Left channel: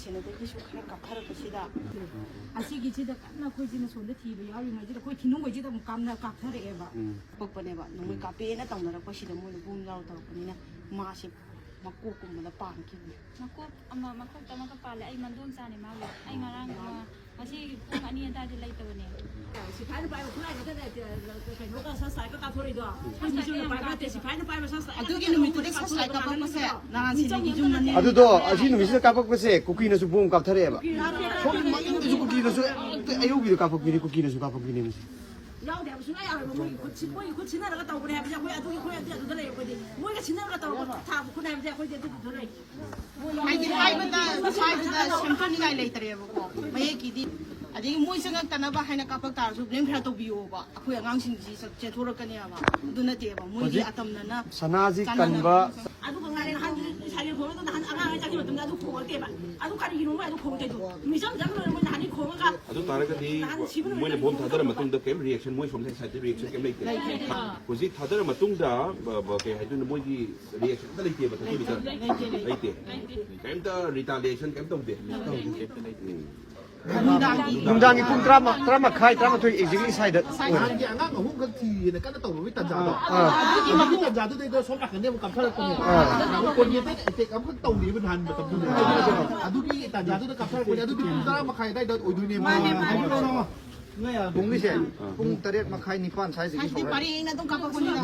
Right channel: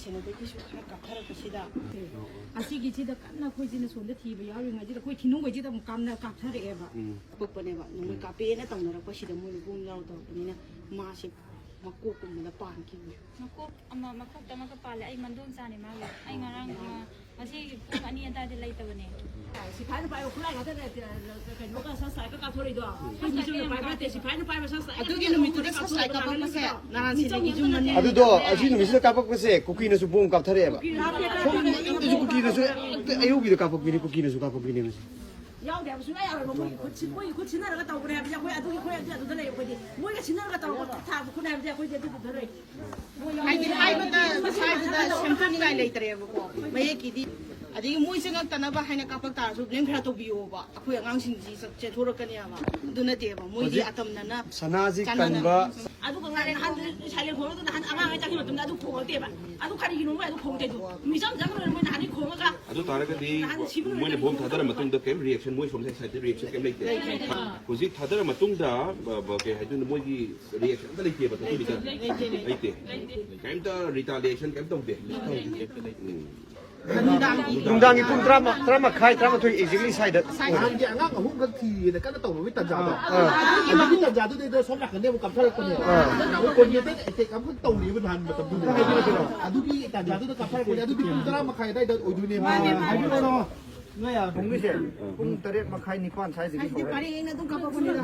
마시는데기수 깎아라고시다. 아시기지다 깐나 코이지는 손데 티브 야윙아지다 코이 티는 거지다 뭐 깜나 깎아래봐. 뽀뽀네봐. 너무 까삐에나 당나라고시다 뭐니 본 야우다고니나 마시 막고꾸마다 빵기니. makuk tama ka pala ay mandun sa ni mali ay ngarang kasi kaniya dati lay tabane 시파이는 빠이고 플라이 같아 그녀가 사사이가 까소리도 한시는 빠이바테 시파이는 빠이고 사사이 아두기 놈이들이 사사이 까먹었어요. 나랑 지내기 좀 많이. 아두도 아시는 미스를 깜빡했어. 국기에서 보험 깜터래봐. 국기에서 애우기도 깜빡이네. 국기에서 깜빡이네. 야우대 무슨 아야 뭐 지나가 또 그래 그냥 거기 아두기 거기 아두도 들어요 거기 뭐가 지나가 또 다 그래 그냥 거기 아두도 들어요 아니 아이보다 사이즈다 샴푸니가 레이터예요. 매기디 아직 모이스가 까나봐 하나 까빡다서 블랭크라 또 비오바. 아쿠 양앙신지 제 돌아가냐봐. 눈에 띄어봐. 모이디 아tam나나 사나지 간바 아두가 나는 한 살려 고로도 한 아가 자기 뭐 나도 고걸 때봐 아두 가리기 너무 아두 고대도 미상 장을 뭐 나니 고가 아주 다르게디 뭐냐 보험 다들 맞동다 게임 리액션 뭐이 좀 생사이트 리액션 게임 레이트 고지 다들 맞동다 뭐게 해주는 뭐이 리액션 다 레이트 버터 리다 레이트 게임다 리탈리에이션 게임 동데 농장이 품 드라마 카이 드라마 또 이지리 사이드 이게 안 가고 뭔가 뒤에 까다 떠오르고 있단 자도. 아, 있단 자도 내가 손락 근데 뭐 깜짝할 거네.คนเนี้ยแต่กำก็ตรงนี้มันทันแบบตรงนี้อ่ะดูดิแต่자도 깜짝할 거야.ดูดิคุณตรามาใครได้โดยดูเนี่ยมาเนาะ 뭐야? 동미세. 공 따리 막 카이 니관 사이즈 아니 파리나 좀 까먹었는데.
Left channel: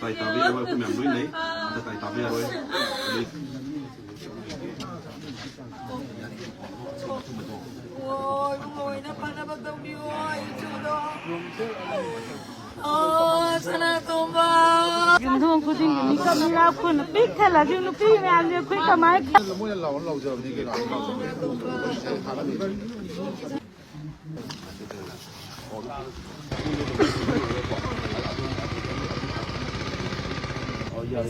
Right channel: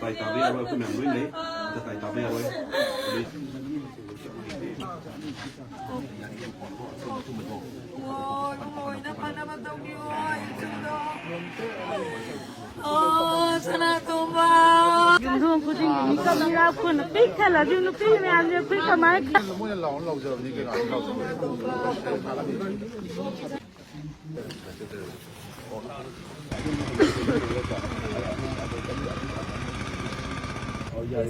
tay tabi rồi cũng nhận với này tay tabi rồi Yung puting ini kamera pun pikir lah, yung pikir ni anda pikir kamera. Oh iya.